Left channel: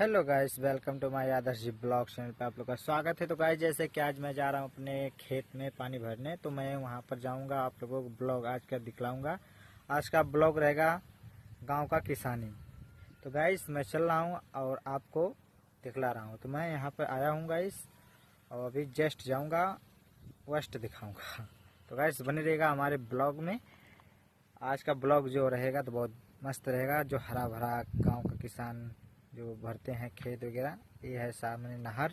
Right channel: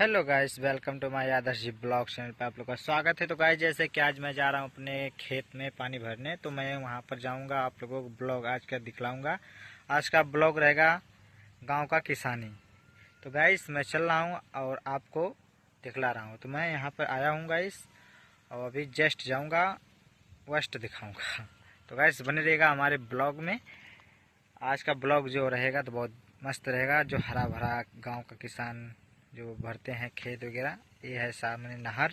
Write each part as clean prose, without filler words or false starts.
Hello guys, welcome to my Adarsh ji blog channel पे आप लोग का स्वागत है। तो गाइस, जैसे कि आज मैं जा रहा हूँ अपने खेत में पानी भरने, तो मैं वहाँ पर जाऊँगा, आप लोगों को ब्लॉग आज का दिखलाऊँगा। आज का ब्लॉग रहेगा गांव का किसानी। तो गाइस, मैं चल रहा हूँ और आपको दिखला रहा हूँ। तो मैं यहाँ पर आया हूँ गाइस, और अभी जस्ट जाऊँगा, वेस्ट दिखाऊँगा। तो गाइस, बने रहेगा हमारे ब्लॉग में। आज का ब्लॉग जो रहेगा तो बहुत मस्त रहेगा। जो हरा भरा गाँव का किसान जो भरते हैं खेत वगैरह, ये है सामने नहर,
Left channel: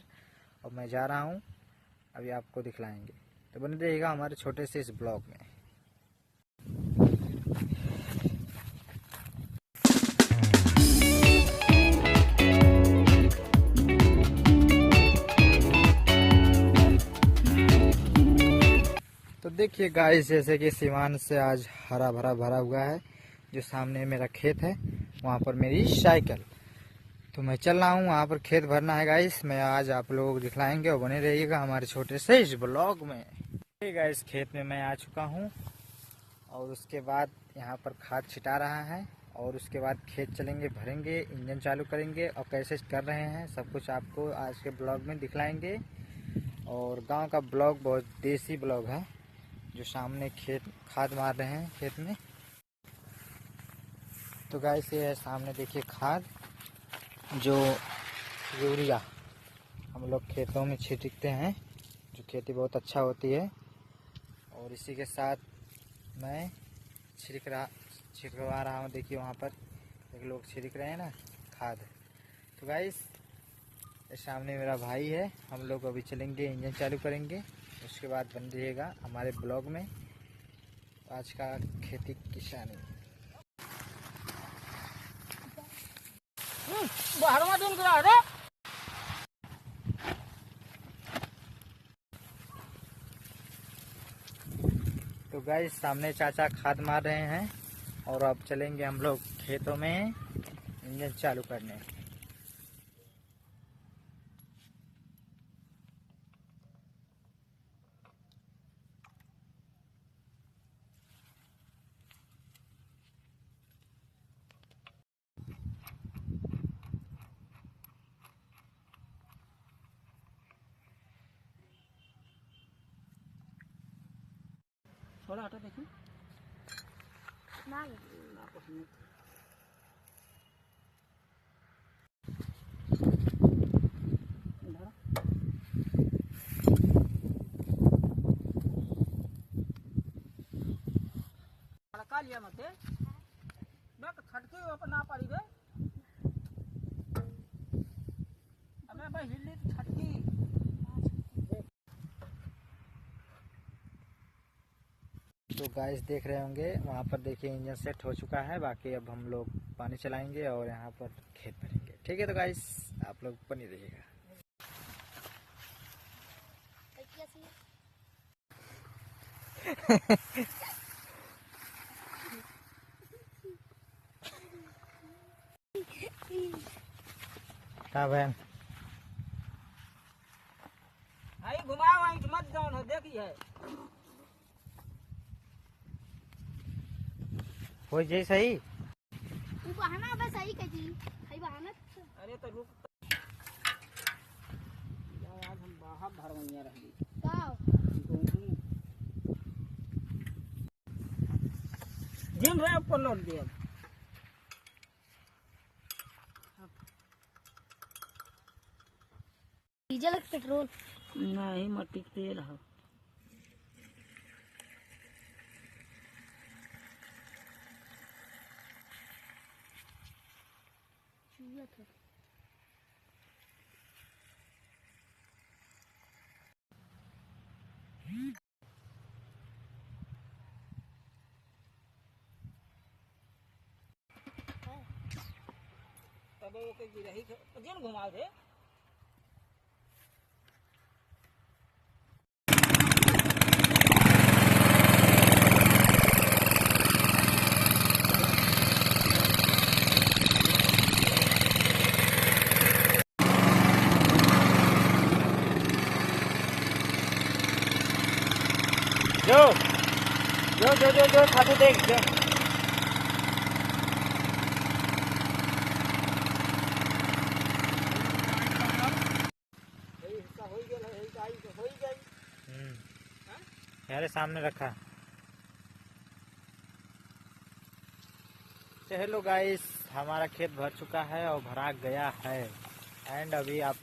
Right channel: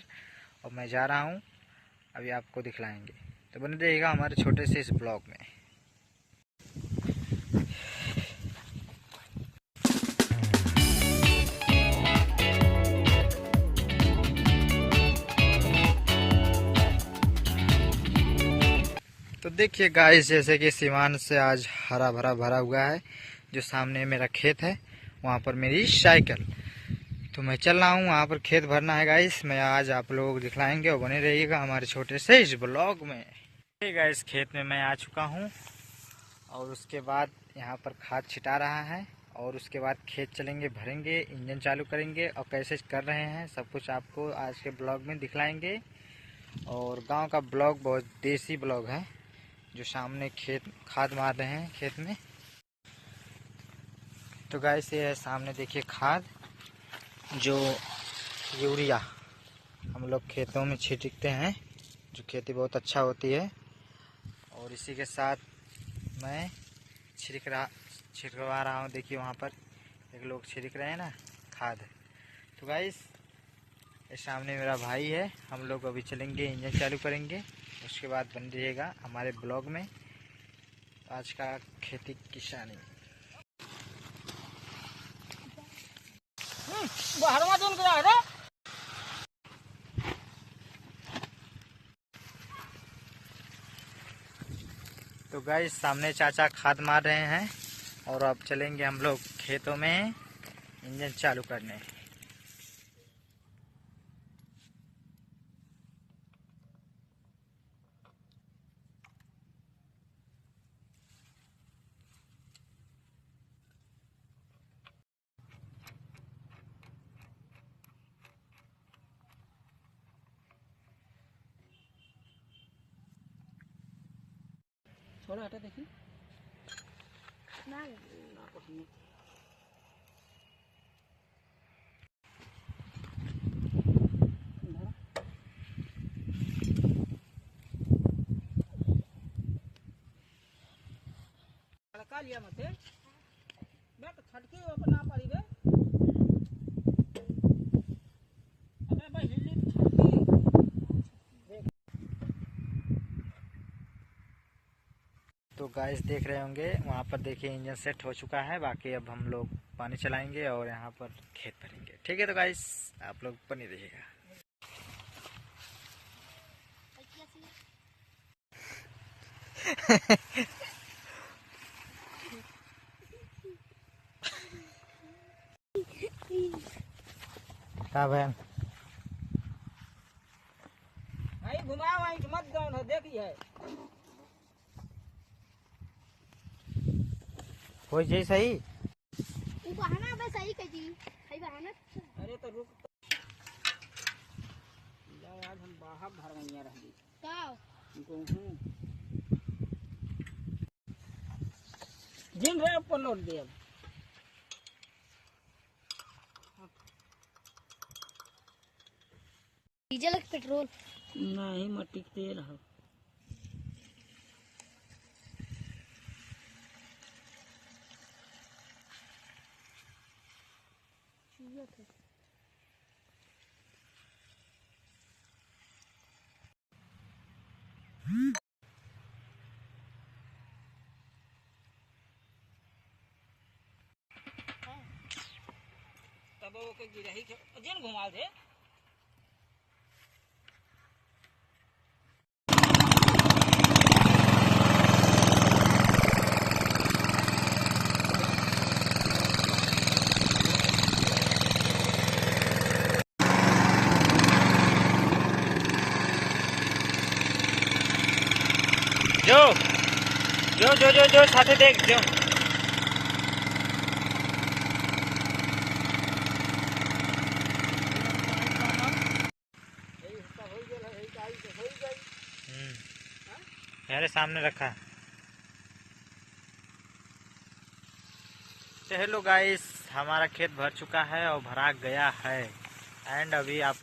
और मैं जा रहा हूँ, अभी आपको दिखलाएंगे। तो बने रहिएगा हमारे छोटे से इस ब्लॉग में। तो देखिए गाइस, जैसे कि सीमान से आज हरा भरा भरा हुआ है। जो सामने मेरा खेत है, वहाँ पर मेरी साइकिल। तो मैं चल रहा हूँ, वहाँ पर खेत भरना है गाइस। मैं आज आप लोगों को दिखलाएंगे और बने रहिएगा हमारे छोटे से इस ब्लॉग में। गाइस, खेत में मैं आ चुका हूँ, और उसके बाद यहाँ पर खाद छिटा रहा है, और उसके बाद खेत चलेंगे, भरेंगे, इंजन चालू करेंगे, और कैसे कर रहे हैं सब कुछ आपको आज के ब्लॉग में दिखलाएंगे। और गांव का ब्लॉग बहुत देसी ब्लॉग है। जो सामने खेत खाद मार रहे हैं खेत में। तो गाइस, ये है सामने देखिए खाद, जो यूरिया हम लोग खेतों में छिड़कते हैं, जो खेती बहुत अच्छा होती है। और इसी के साथ मैं छिड़कवा रहा हूँ। देखिए वहाँ पर एक लोग छिड़क रहे हैं ना खाद। तो गाइस, ये सामने मेरा भाई है। हम लोग अभी चलेंगे, इंजन चालू करेंगे, उसके बाद बन रहिएगा हमारे ब्लॉग में आज का खेती किसानी। तो गाइस, सामने चाचा खाद मार रहे हैं, और अब चलेंगे हम लोग खेतों में इंजन चालू करने। थोड़ा हटा देखिए ना कुछ नहीं। हड़का लिया मत बे खटके अपना पड़ी बे हमें भाई हिल्ली खटकी। तो गाइस, देख रहे होंगे वहाँ पर देखिए इंजन सेट हो चुका है। बाकी अब हम लोग पानी चलाएंगे और यहाँ पर खेत भरेंगे। ठीक है, तो गाइस आप लोग बने रहिएगा। का बहन भाई घुमाओ वहीं मत जाओ ना देखिए हो जाए सही। बहाना बस सही कही भाई बहाना। अरे तो रुक आज हम बाहर भरवैया रहेंगे दिन रहे ऊपर लौट दे। डीजल पेट्रोल नहीं मट्टी के तेल है। तब वो के गिरही जिन घुमा दे। जो जो जो जो जो साथे देख जो। हो गेल है गाड़ी तो हो गई। यारे सामने रखा। तो हेलो गाइस, हमारा खेत भर चुका है और भरा गया है। एंड अभी आप